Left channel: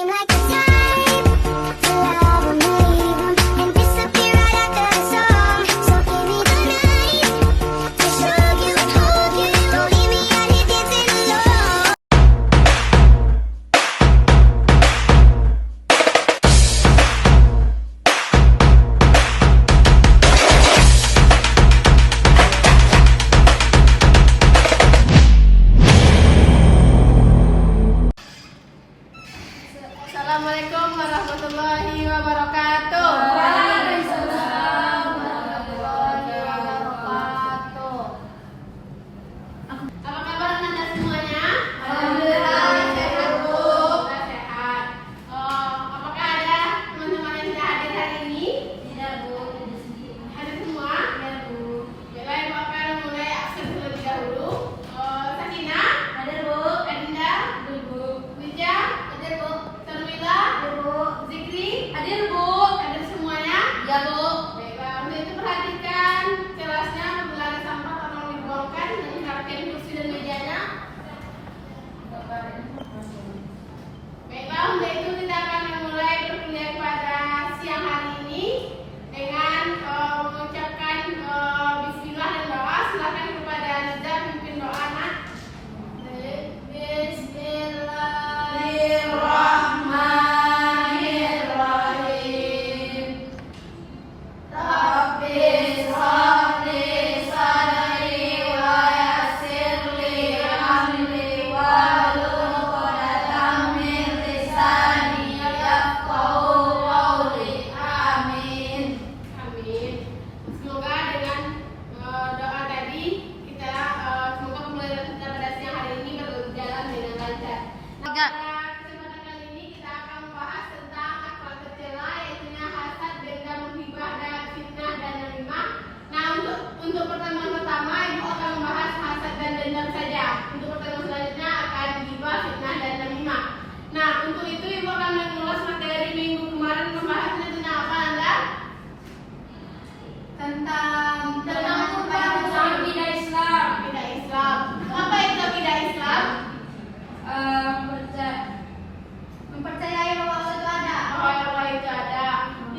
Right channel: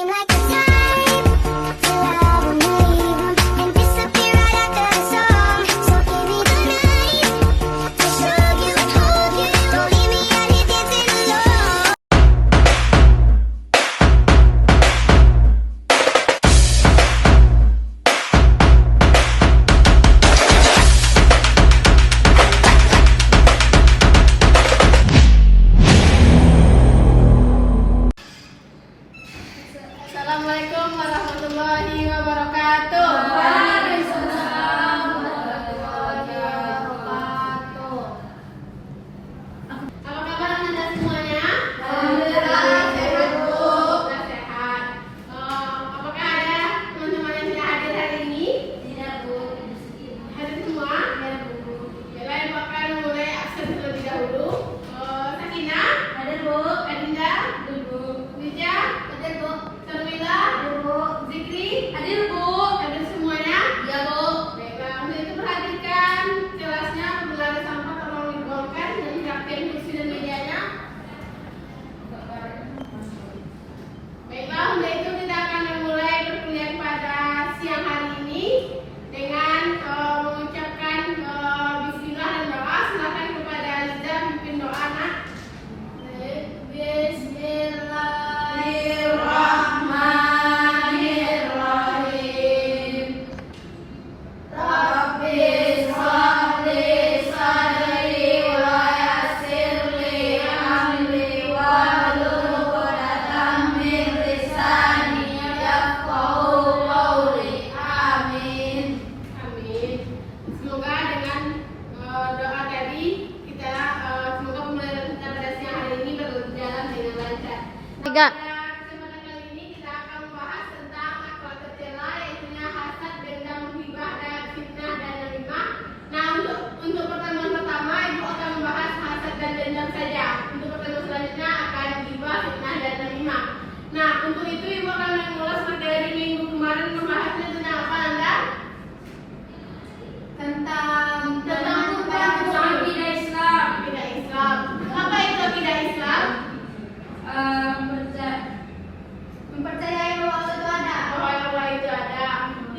seem like the time to love and leave 'em and disappear right after the song. So give me the night to show you and hold you. Don't leave me out here dancing alone. Assalamualaikum warahmatullahi wabarakatuh. Waalaikumsalam warahmatullahi wabarakatuh. Apa kabar Anda semuanya? Alhamdulillah. Sehat, Bu. Sehat. Apakah ada teman-teman yang tidak hadir hari ini? Tidak, Bu. Hadir semua? Ya, Bu. Baiklah, Ibu akan mulai absen terlebih dahulu. Sakina? Hadir, Bu. Adinda? Hadir, Bu. Wija? Hadir, Bu. Sarmila? Hadir, Bu. Zikri? Hadir, Bu. Hadir semuanya? Ya, Bu. Baiklah, untuk itu perhatikan kelasnya apabila ada sampah tolong dibuangkan dan rapikan kursi dan mejanya. Baiklah, untuk itu kita akan memulai perkuliahan pada siang hari ini dengan mengucapkan bismillah dan doa. Silakan kepada Liza pimpin doa, nak. Bismillahirrahmanirrahim. Rabbi sholli sadri wa yassirli amri wahlul 'uqdatam min lisani yafqahu qawli. Amin. Amin. Semoga dengan doa tadi kita semoga pembelajaran kita pada siang hari ini berjalan dengan lancar. Pada kesempatan kali ini kita akan membahas tentang akhlak tercela, yaitu hasad, dendam, menghibah, dan fitnah dan namimah. Nah, untuk pertemuan pertama Ibu akan membahas hasad dan dendam saja. Untuk pertemuan selanjutnya akan ghibah, fitnah dan namimah. Nah, untuk itu Ibu akan mengulas materi minggu kemarin, membahasnya tentang apa, Anda? Tentang Tentang akidah Islam. Akidah Islam. Apa itu akidah Islam? Mempercayai bahwa Allah itu ada. Bahwa Allah itu ada.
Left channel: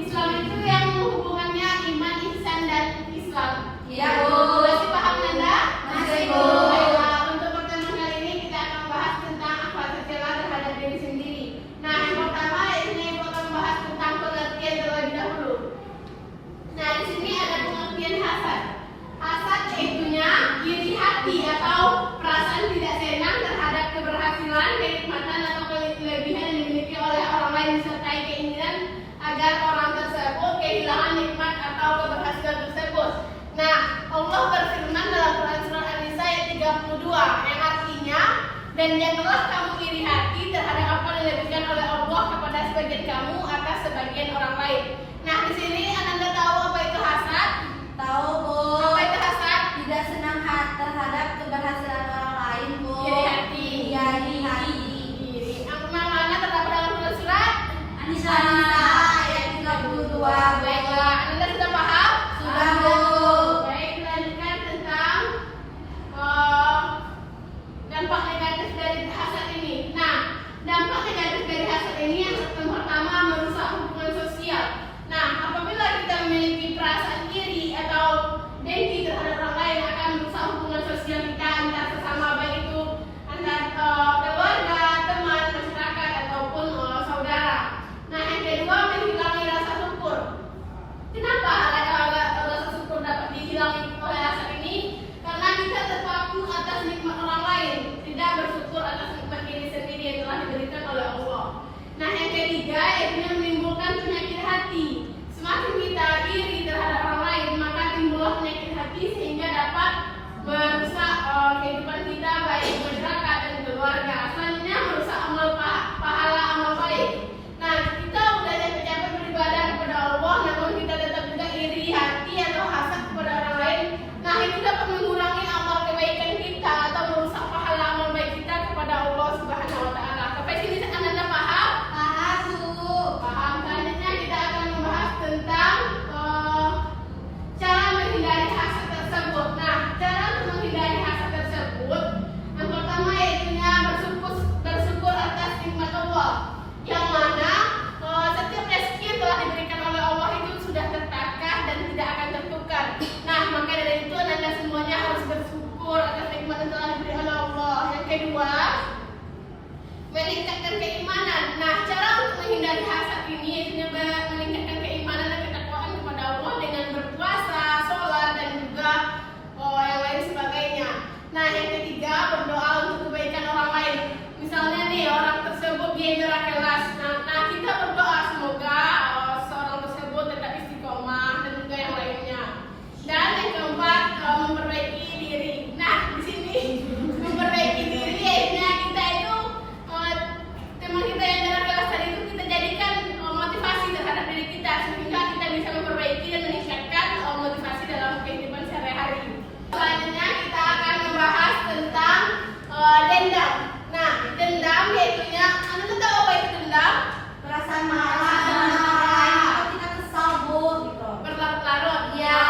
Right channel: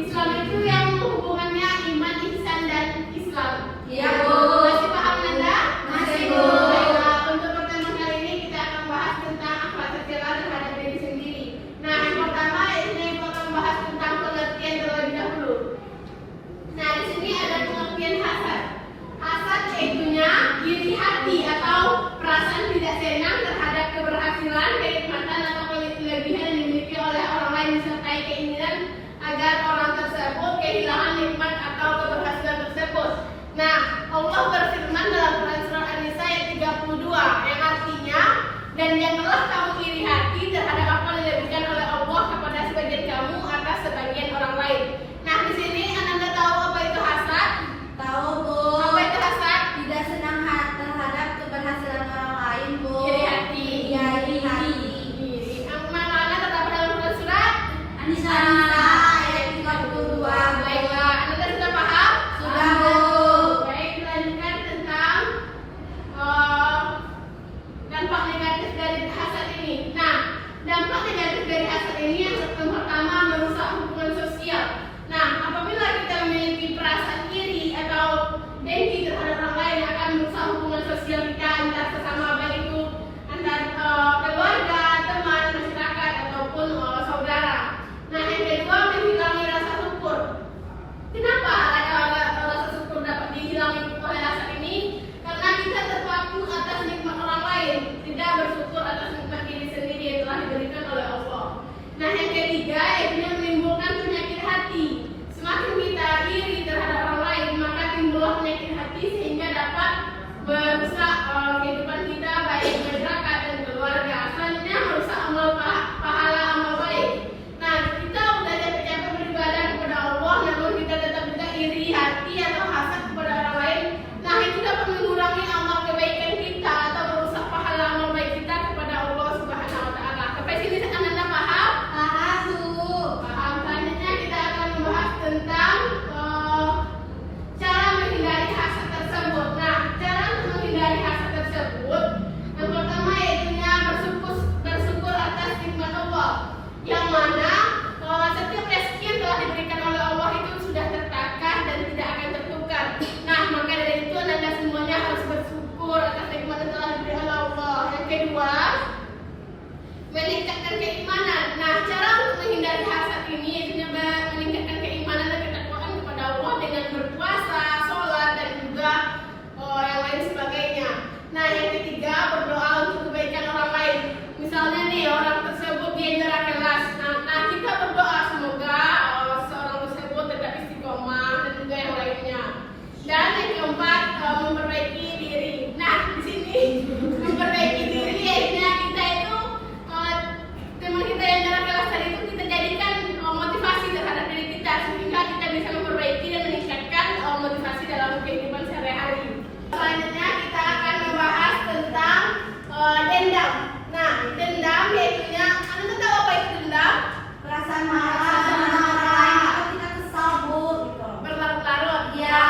Islam itu yang hubungannya iman, ihsan, dan Islam. Iya, Bu. Masih paham Anda? Masih, Bu. Baiklah, untuk pertemuan kali ini kita akan membahas tentang akhlak tercela terhadap diri sendiri. Nah, yang pertama yaitu Ibu akan membahas tentang pengertian terlebih dahulu. Nah, di sini ada pengertian hasad. Hasad yaitunya iri hati atau perasaan tidak senang terhadap keberhasilan, kenikmatan atau kelebihan yang dimiliki oleh orang lain, disertai keinginan agar orang tersebut kehilangan nikmat atau keberhasilan tersebut. Nah, Allah berfirman dalam Quran surah An-Nisa ayat 32 yang artinya, dan janganlah kamu iri hati terhadap apa yang diberikan oleh Allah kepada sebagian kamu atas sebagian orang lain. Nah, di sini Anda tahu apa itu hasad? Tahu, Bu. Apa itu hasad? Tidak senang terhadap keberhasilan orang lain, Bu. Iri hati. Iya, iri hati. Yang mana terdapat dalam Quran surat An-Nisa ayat 32. Baiklah, Anda sudah paham? Sudah, Bu. Baik, lanjutkan tentang dampak negatif dari hasad ini. Nah, dampak negatif dari hasad ini yang pertama merusak hubungan sosial. Nah, apabila kita memiliki perasaan iri atau dengki terhadap orang lain, akan merusak hubungan sosial kita antar sesama, baik itu antar keluarga, teman, masyarakat ataupun saudara. Nah, yang kedua menghilangi rasa syukur. Kenapa ada rasa syukur dapat dihilangi oleh hasad ini? Karena kita terpaku atas nikmat orang lain, tidak bersyukur atas nikmat diri sendiri yang telah diberikan oleh Allah. Nah, yang ketiga yaitu menimbulkan penyakit hati. Semakin kita iri terhadap orang lain, maka timbullah penyakit hati sehingga dapat merusak kehidupan kita baik masyarakat dan keluarga. Selanjutnya merusak pahala amal baik. Nah, kita belajar bercampur beribadah kepada Allah, namun kita tetap juga iri hati atau hasad kepada orang lain. Nah, itu dapat mengurangi amal kebaikan kita atau merusak pahala amal baik kita kepada Allah Subhanahu wa taala. Sampai sini Anda paham? Paham, Bu. Paham. Selanjutnya kita akan membahas tentang cara menghindari hasad tersebut. Nah, cara menghindari hasad tersebut yang pertama yaitu bersyukur atas nikmat Allah, yang meningkatkan keimanan. Nah, cara untuk menghindari hasad ini yaitu meningkatkan keimanan dan ketakwaan kepada Allah dengan berpuasa, sholat, dan juga yang lain sebagainya. Nah, yang ketiga, berdoa untuk kebaikan orang lain. Misalnya nih, orang tersebut dia nyerah kelas. Nah, kita berdoa semoga seorang tersebut tetap istiqomah dan juga yang lainnya. Dan yang keempat, memperbaiki diri. Nah, di sini memperbaiki diri yaitu kita itu teman kita yang dalam kelas tadi itu kita jadikan motivasi terhadap diri kita sehingga kita bisa memperbaiki dan meningkatkan motivasi dalam kehidupan sehari-hari. Selanjutnya kita akan membahas tentang dendam. Nah, dendam yaitunya, Anda tahu apa itu dendam? Perasaan marah dengan orang lain atau kita kesal bu gitu. Berlarut-larut. Ya.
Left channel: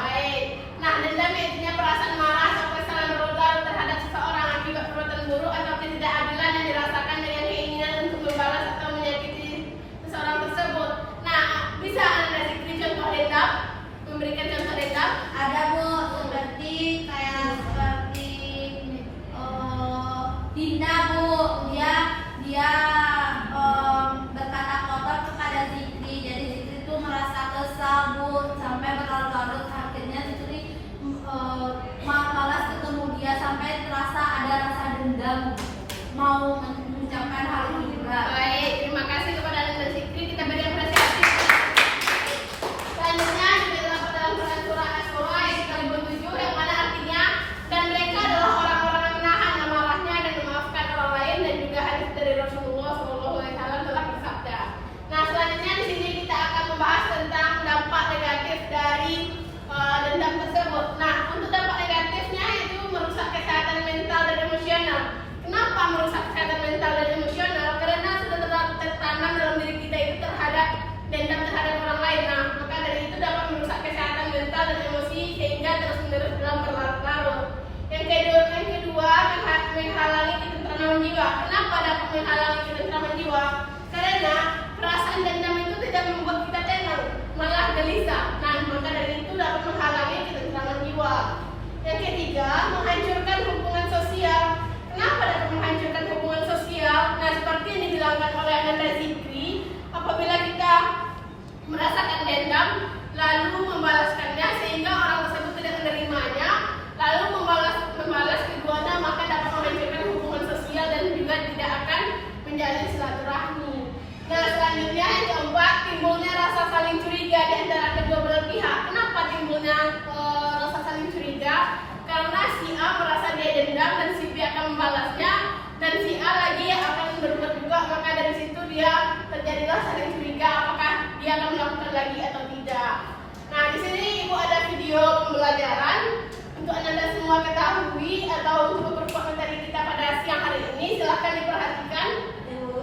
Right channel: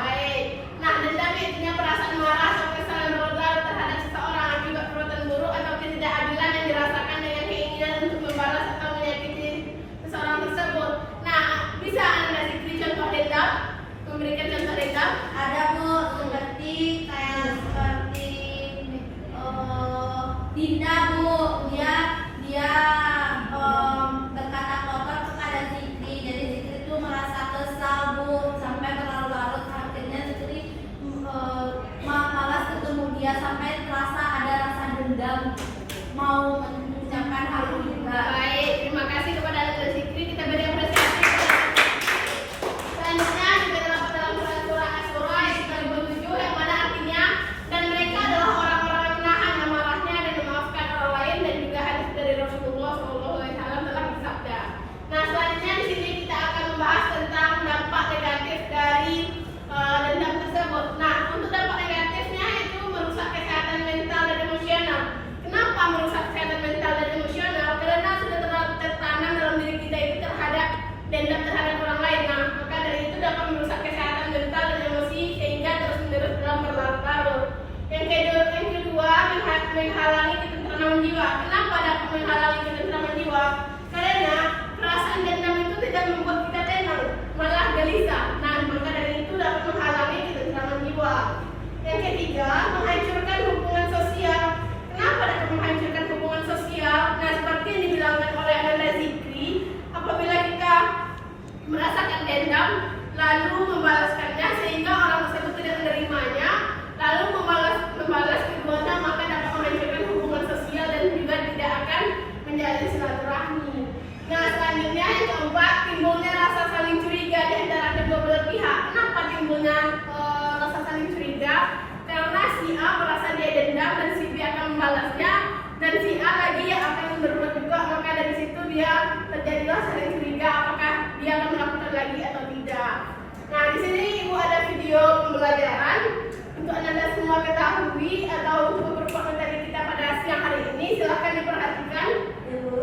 Baik. Nah, dendam yaitunya perasaan marah atau kekesalan berlarut terhadap seseorang akibat perbuatan buruk atau ketidakadilan yang dirasakan dengan keinginan untuk membalas atau menyakiti seseorang tersebut. Nah, bisa Anda kasih contoh dendam? Memberikan contoh dendam? Ada bu, seperti Dinda bu, dia berkata kotor kepada Zikri. Jadi Zikri itu merasa kesal bu sampai berlarut-larut, akhirnya Zikri malas ketemu dia sampai terasa ada rasa dendam mau mengucapkan hal ini juga. Baik, terima kasih kepada Anda Zikri. Kita beri apresiasi. Selanjutnya juga terdapat dalam surah Asy-Syura ayat 37 yang mana artinya dan mereka adalah orang-orang yang menahan amarahnya dan memaafkan orang lain, dan juga hadis dari Rasulullah SAW telah bersabda. Nah, selanjutnya di sini kita akan membahas tentang dampak negatif dari dendam tersebut. Nah, untuk dampak negatifnya yaitu merusak kesehatan mental dan emosional. Kenapa merusak kesehatan mental dan emosional? Karena sudah tertanam dalam diri kita itu terhadap dendam terhadap orang lain. Nah, maka dari itu dapat merusak kesehatan mental dan emosi sehingga terus-menerus dalam berlarut-larut. Yang kedua, menghalangi ketentraman jiwa. Kenapa dapat menghalangi ketentraman jiwa? Karena perasaan dendam itu tidak membuat kita tenang, malah gelisah. Nah, maka dari itu dapat menghalangi ketentraman jiwa. Yang ketiga, menghancurkan hubungan sosial. Kenapa dapat menghancurkan hubungan sosial? Nah, seperti yang dibilangkan oleh Anda Zikri, apabila kita merasakan dendam lalu membalaskannya sehingga orang tersebut tidak menerimanya, lalu membalas keduanya, maka dapat menghancurkan hubungan sosial dan juga tidak akan menjalin silaturahmi. Nah, selanjutnya yang keempat, timbulnya rasa saling curiga di antara kedua belah pihak. Kenapa timbulnya rasa saling curiga? Karena si A merasa dia dendam dan si B akan membalasnya, dan si A lagi yang akan berbuat juga, maka dari situ dia terjadilah saling curiga apakah dia akan melakukan lagi atau tidak. Nah, di sini Ibu ada video pembelajaran untuk Anda semua ketahui atau untuk beberapa materi kita pada siang hari ini. Silahkan diperhatikan. Ibu.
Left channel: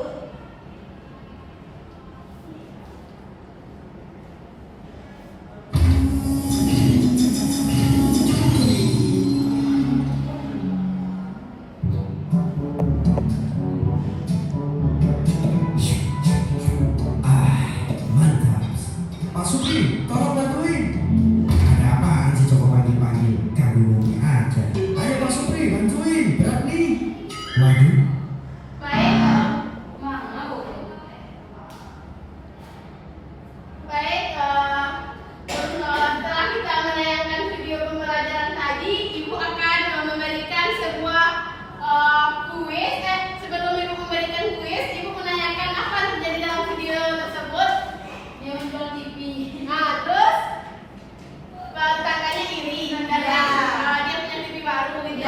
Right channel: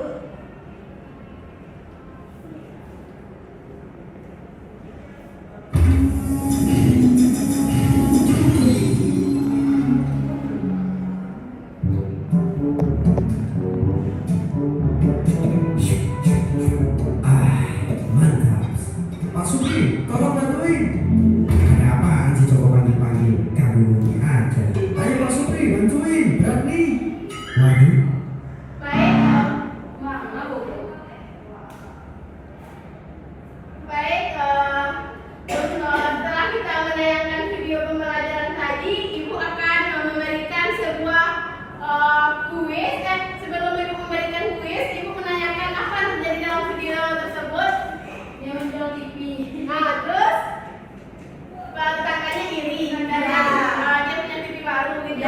Mantap. Pak Supri, tolong bantuin. Ada apaan sih, coba panggil-panggil? Kami mungkin aja. Ayo Pak Supri, bantuin. Berani. Waduh. Baik, setelah kita menayangkan video pembelajaran tadi, Ibu akan memberikan sebuah kuis. Sebelum Ibu memberikan kuis, Ibu menanyakan apa yang terjadi dalam video tersebut. Dia muncul TV. Nah, terus kakaknya iri. Dia punya TV baru gitu.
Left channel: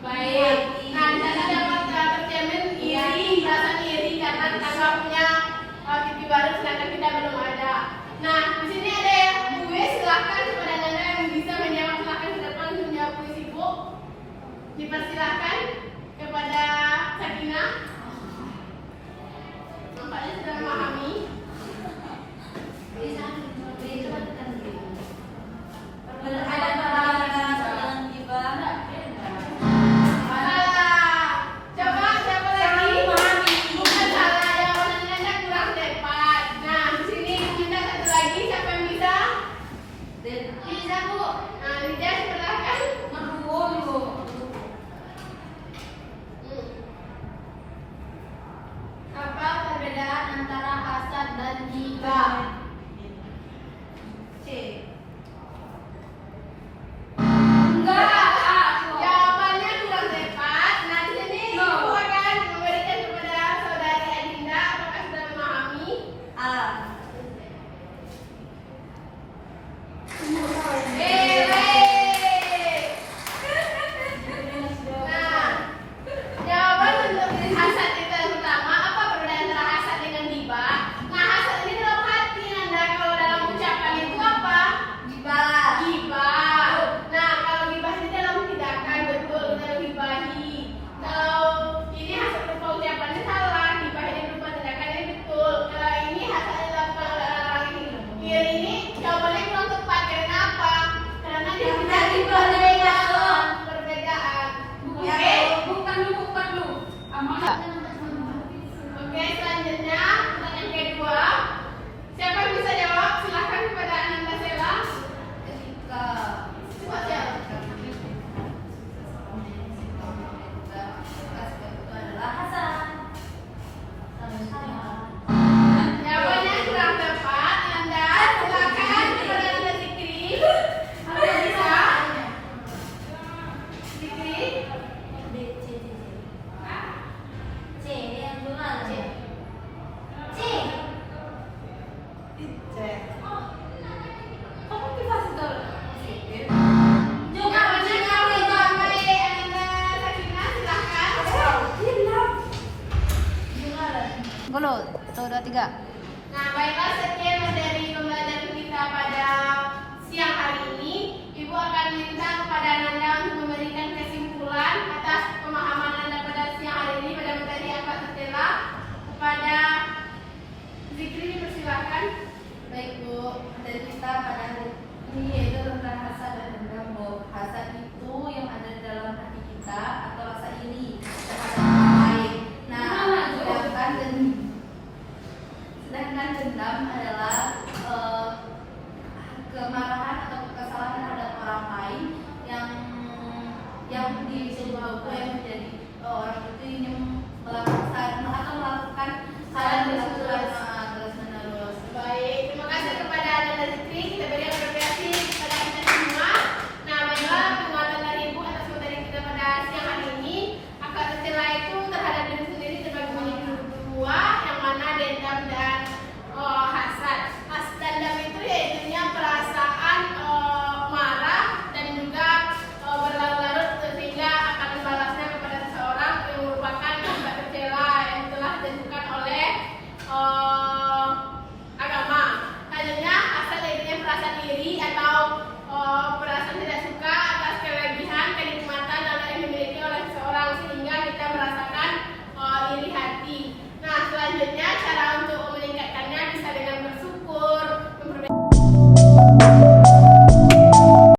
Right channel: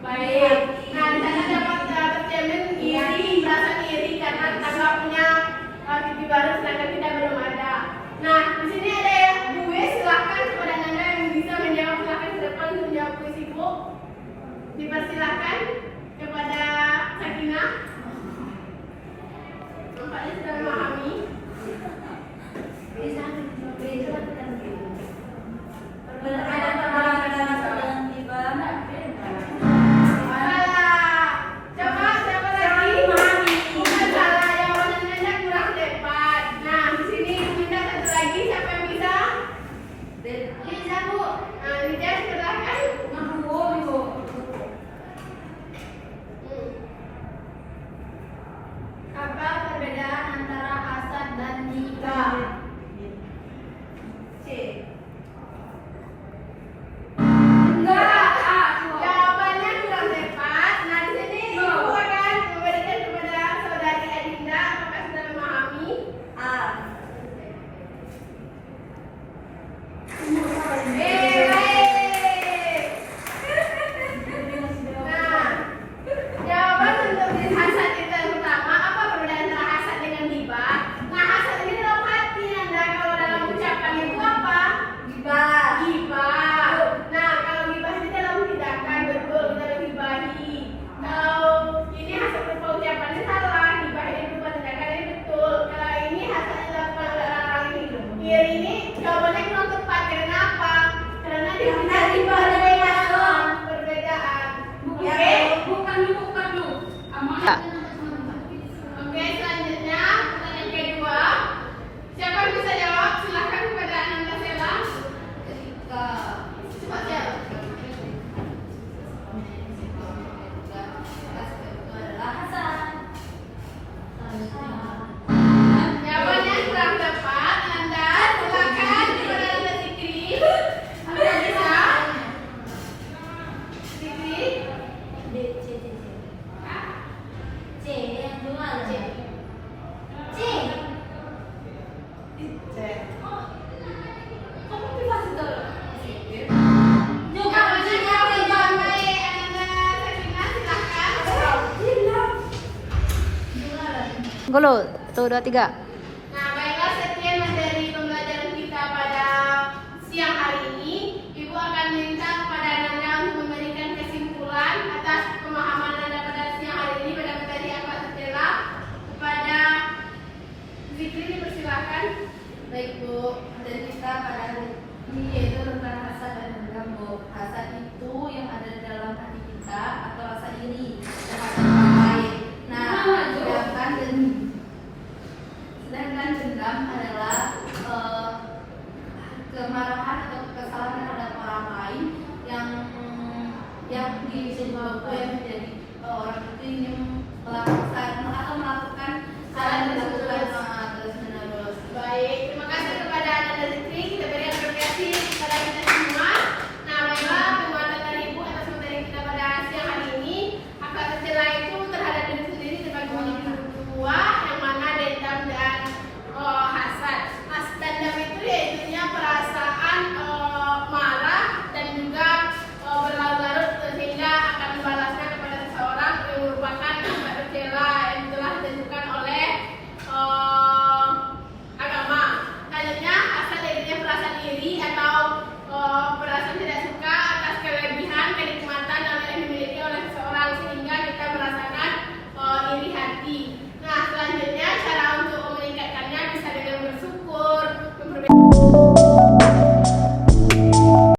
Baik. Nah, di sana dapat tercermin iri, perasaan iri karena tetangga punya TV baru sedangkan kita belum ada. Nah, di sini ada kuis. Silakan kepada Anda yang bisa menjawab, silakan ke depan untuk menjawab kuis Ibu. Dipersilakan kepada Sakinah. Nampaknya sudah memahami. Bisa ada perbedaan tiba. Coba siapa lagi? Bukan salah, jawabannya kurang tepat. Nah, di sini punya satu lagi, siapa yang bisa? Bisa bu. Nah, Lidia silakan. D, C. C yang gimana? C. Oh, kamu bisa sih tahu? Juga silakan. gimana? Golo, 1, 2, 3.